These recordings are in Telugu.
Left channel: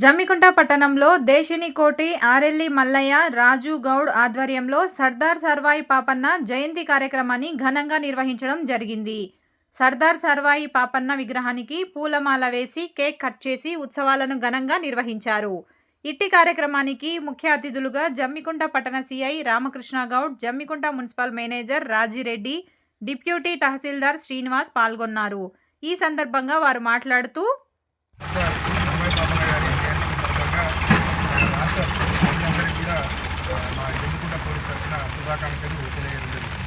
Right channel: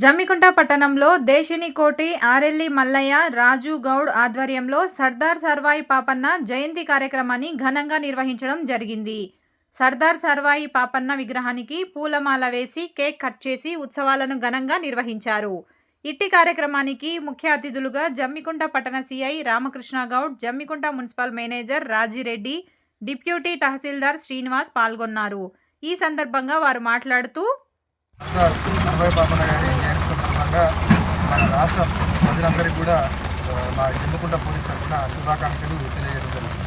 జమ్మికుంట పట్టణంలో దేశినికోటి ఆరెల్లి మల్లయ్య, రాజు గౌడ్ ఆధ్వర్యంలో సర్దార్ సర్వాయి పాపన్న జయంతి కార్యక్రమాన్ని ఘనంగా నిర్వహించడం జరిగింది. సర్దార్ సర్వాయి పాపన్న విగ్రహానికి పూలమాల వేసి కేక్ కట్ చేసి ఉత్సవాలను ఘనంగా నిర్వహించారు. ఇట్టి కార్యక్రమానికి ముఖ్య అతిథులుగా జమ్మికుంట పట్టణ CI Ramakrishna Goud, Jammikunta municipal manager Rajireddy, deputy tahsildar Srinivas పాల్గొన్నారు. ఈ సందర్భంగా వారు మాట్లాడుతూ మన రాష్ట్ర ప్రజలందరికీ కూడా మా జమ్మికుంట పోలీస్ తరఫున శుభాకాంక్షలు తెలియజేయడం జరిగింది.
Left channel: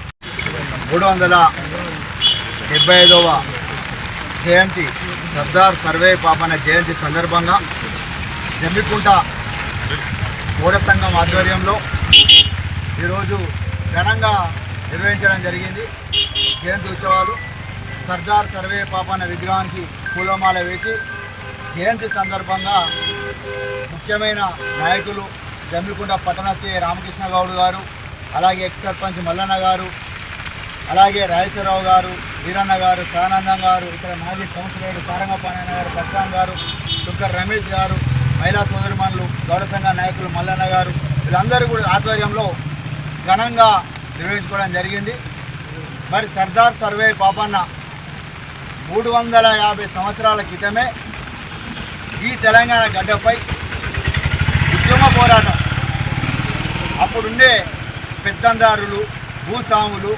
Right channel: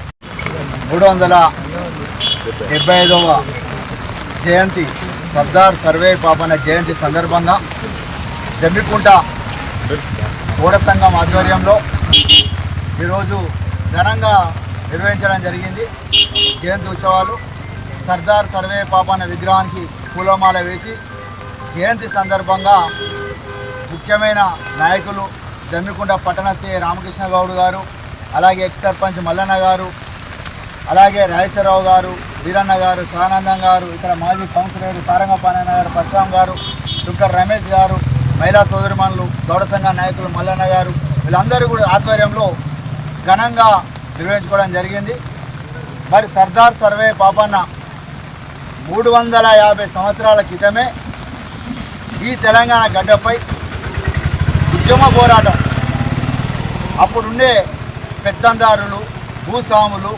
375వ జయంతి సర్దార్ సర్వాయి పాపన్న జయంతి సందర్భంగా జమ్మికుంట ఓడ సంఘం ఆధ్వర్యంలో ఈరోజు ఘనంగా నిర్వహించడం జరిగింది. జయంతి ఉత్సవాలు సర్దార్ సర్వాయి పాపన్న విగ్రహానికి పూలమాల వేసి జయంతి సందర్భంగా ముఖ్యమైన నాయకులు జమ్మికుంట పట్టణ సిఐ రామకృష్ణ గౌడ్ గారు, అలాగే ఎక్స్ సర్పంచ్ మల్లన్న గారు, అలాగే రాజేశ్వరరావు గారు, వీరన్న గారు, సానందం గారు, ఇక్కడ మాజీ కౌన్సిలర్ తారంగపానన్న గారు, పరశురామ్ గారు, దుర్గర్ రమేష్ గారు, మహిళా సోదరిమణులు, గౌడ సంఘ నాయకులు మల్లన్న గారు, వీళ్ళందరూ కూడా ఆధ్వర్యంలో ఘనంగా నిర్వహించుకోవడం జరిగింది. మరి సర్దార్ సర్వాయి పాపన్న 350 సంవత్సరాల క్రితమే ఈ తెలంగాణ గడ్డపై ఉద్యమ పోరాటం, అప్పుడుండే పెత్తందారులు, భూస్వాములు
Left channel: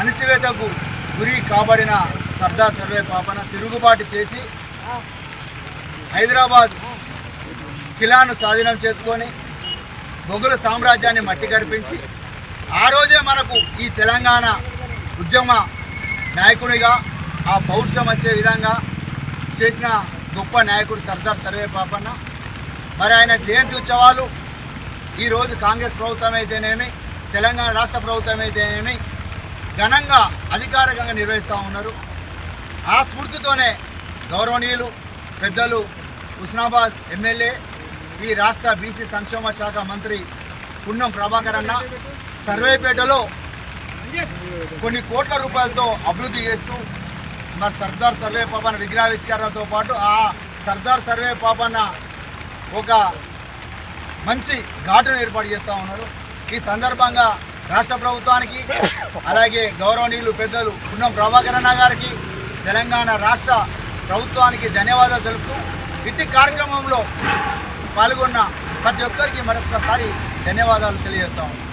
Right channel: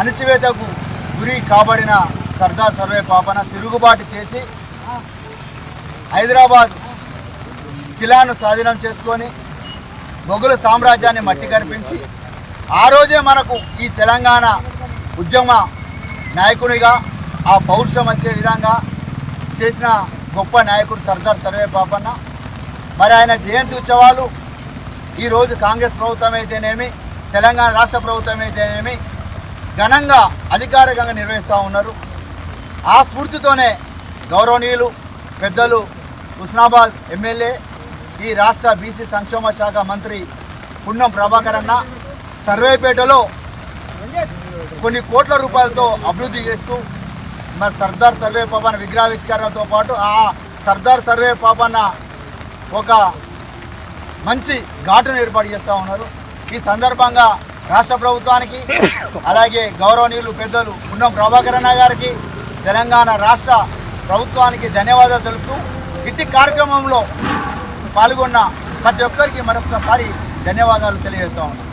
అణచివేతకు గురి కాబడిన సర్దార్ సర్వాయి పాపన్న తిరుగుబాటు చేసి హైదరాబాద్ కిలాను స్వాధీనం చేసుకొని మొఘలు సామ్రాజ్యాన్ని మట్టి కరిపించి ఆ రోజే మనకు ఈ తెలంగాణ ఉద్యమ నాయకునిగా ఆ పౌరుషం వచ్చే విధంగా చేసిన గొప్ప నాయకుడు సర్దార్ సర్వాయి పాపన్న. మరి ఆయన జయంతి ఉత్సవాలు ఈరోజు కాంగ్రెస్ ప్రభుత్వం అయితేనేమి, తెలంగాణ రాష్ట్ర ప్రభుత్వం అయితేనేమి ఘనంగా అధికారికంగా నిర్వహిస్తూ ఉన్నారు. ఆ స్ఫూర్తితోనే గౌరవనీయులు పెద్దలు హుస్నాబాద్ ఎమ్మెల్యే, ఈ రాష్ట్ర బీసీ సంక్షేమ శాఖ మంత్రి పున్నం ప్రభాకర్ అన్న సర్వేపేటలో కొన్ని కోట్ల రూపాయలతో అభివృద్ధి చేస్తూ మరి సర్దార్ సర్వాయి పాపన్న విగ్రహావిష్కరణతో పాటు ఆ సర్దార్ సర్వాయి పాపన్న ఒక మంచి ఘాటును ఏర్పాటు చేస్తూ ఉన్నారు. ఈ సందర్భంగా రాష్ట్ర ప్రభుత్వానికి, అలాగే గౌరవనీయులు పెద్దలు పున్నం ప్రభాకర్ అన్న గారికి, తెలంగాణ రాష్ట్ర ప్రభుత్వానికి ధన్యవాదాలు తెలుపుతూ ఇట్టి కార్యక్రమంలో పాల్గొన్న ప్రతి ఒక్కరికి మరొకసారి ధన్యవాదాలు తెలియజేస్తూ ఉన్నాం.